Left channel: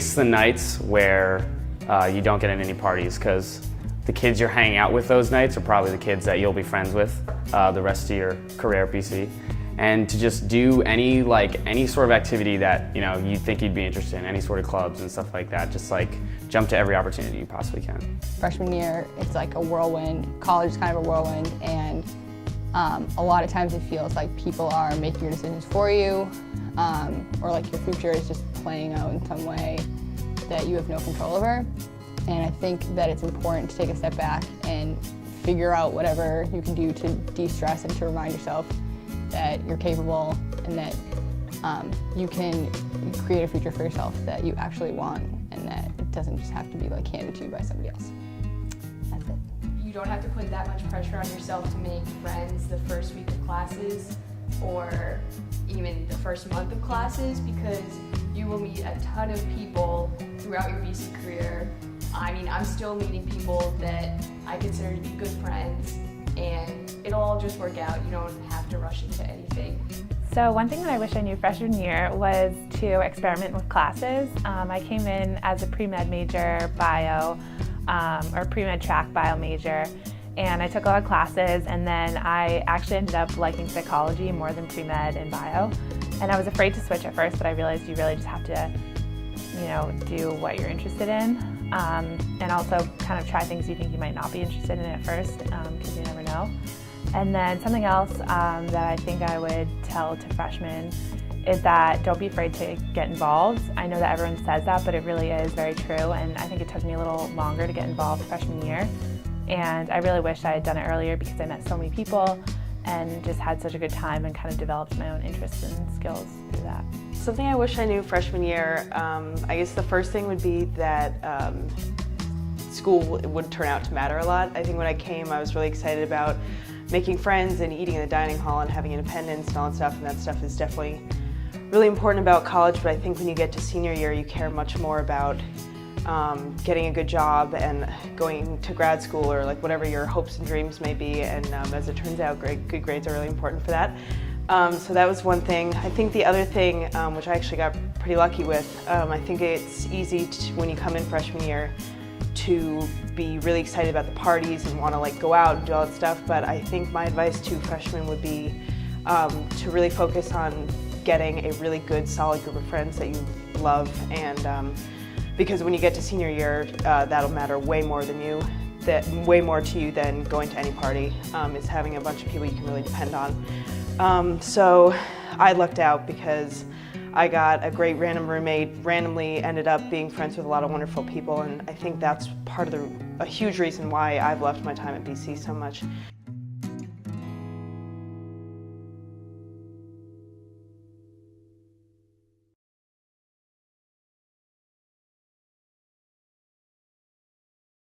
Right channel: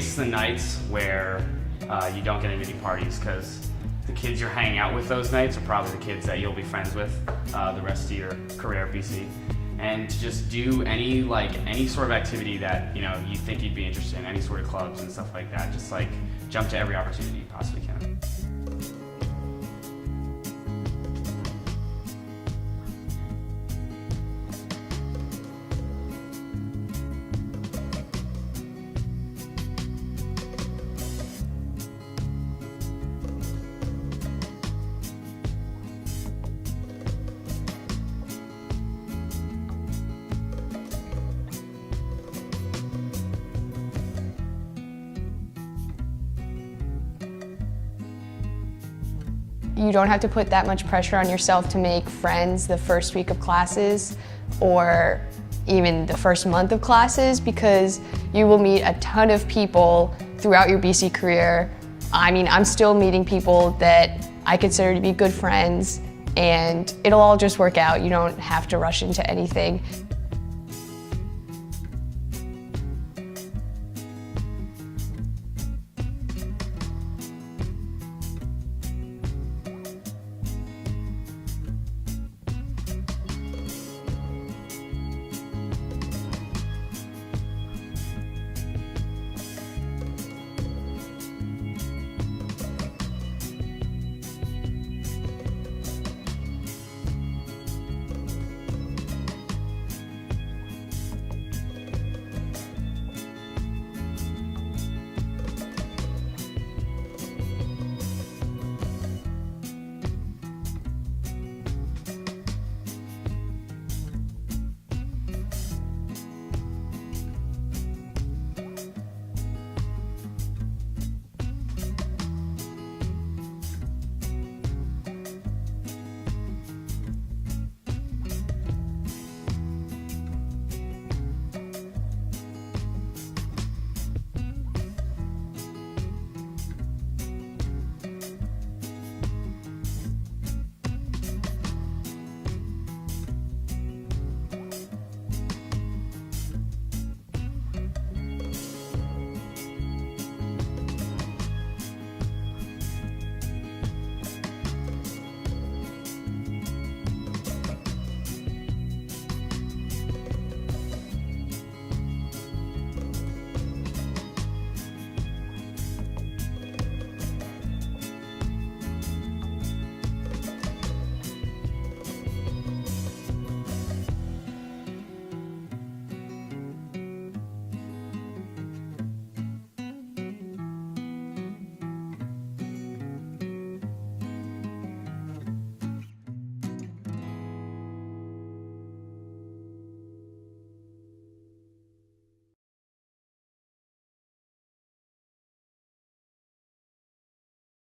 waste the nights where you don't get in any parties, because the kids you're hanging out with those nights are probably the kids that you'll be friends with the rest of your career at BC. And to just do any sort of activity that you think you'd be interested in, any sort of clubs and stuff like that. Just jump to every opportunity you possibly can. Freshman year, it's like a whirlwind. College is kind of a whirlwind, and a lot of times it feels like people are making your decisions for you, or like the future is just playing out in some way that you have no control over. And I think that it's important to take a step back and figure out whatever you can do to de-stress and to remind yourself that you're capable and that you can create a future for yourself that you actually want, and that it doesn't just have to be handed to you by somebody else. That's it. You don't have to put that much pressure on yourself to make friends the first week of classes or even the first month of classes, because you will meet a ton of people throughout your BC career. I mean, I'm still meeting people that I consider to be good friends, and it'll all just work out. You don't have to rush into anything. So one thing that I wish I knew freshman year was to experiment with classes. I came in as a pre-med major bio, or pre-med track bio major, and I took a lot of classes, and then I actually ended up liking psychology more than pre-med and bio. And I was afraid to switch at first, but I realized you really just have to, do what you're interested in, and also kind of try things you think you might not be interested in at first, because you never know. And then something else that I think I would tell to freshmen is that don't be afraid to get involved. I know that everyone says that, but it really is very true, and I think it took me a little longer to get involved freshman year. And I really wish I had done it earlier, because I met so many people and just had such a good time and kind of developed my own interests and skills through that. Something I wish I knew freshman year, I guess the first thing would be that school would turn out to matter a lot. I think when I came, I was really excited about making friends and eating in the dining hall and having independence and all that stuff, and that stuff is definitely really important about college, but I think when you get to senior year, you care much more about getting a good job and going to grad school, or whatever your hopes and dreams may be, and as it turns out, good grades are really important for that. So that was one thing. I think the other thing, which I actually got pretty lucky with, I think it's easy when you come in freshman year to be really excited about the parties and want to go out and do all that stuff, but I think my advice to freshmen would be to really focus on getting a really good, solid group of friends that you love, and because when you get to senior year, that'll matter way more to you than going to any party, is having a bunch of people you can really depend on. So I lucked out because I got a great random roommate, randomly ended up being friends with a lot of wonderful people, and I think that's part of a huge reason why I've loved my time at BC so much.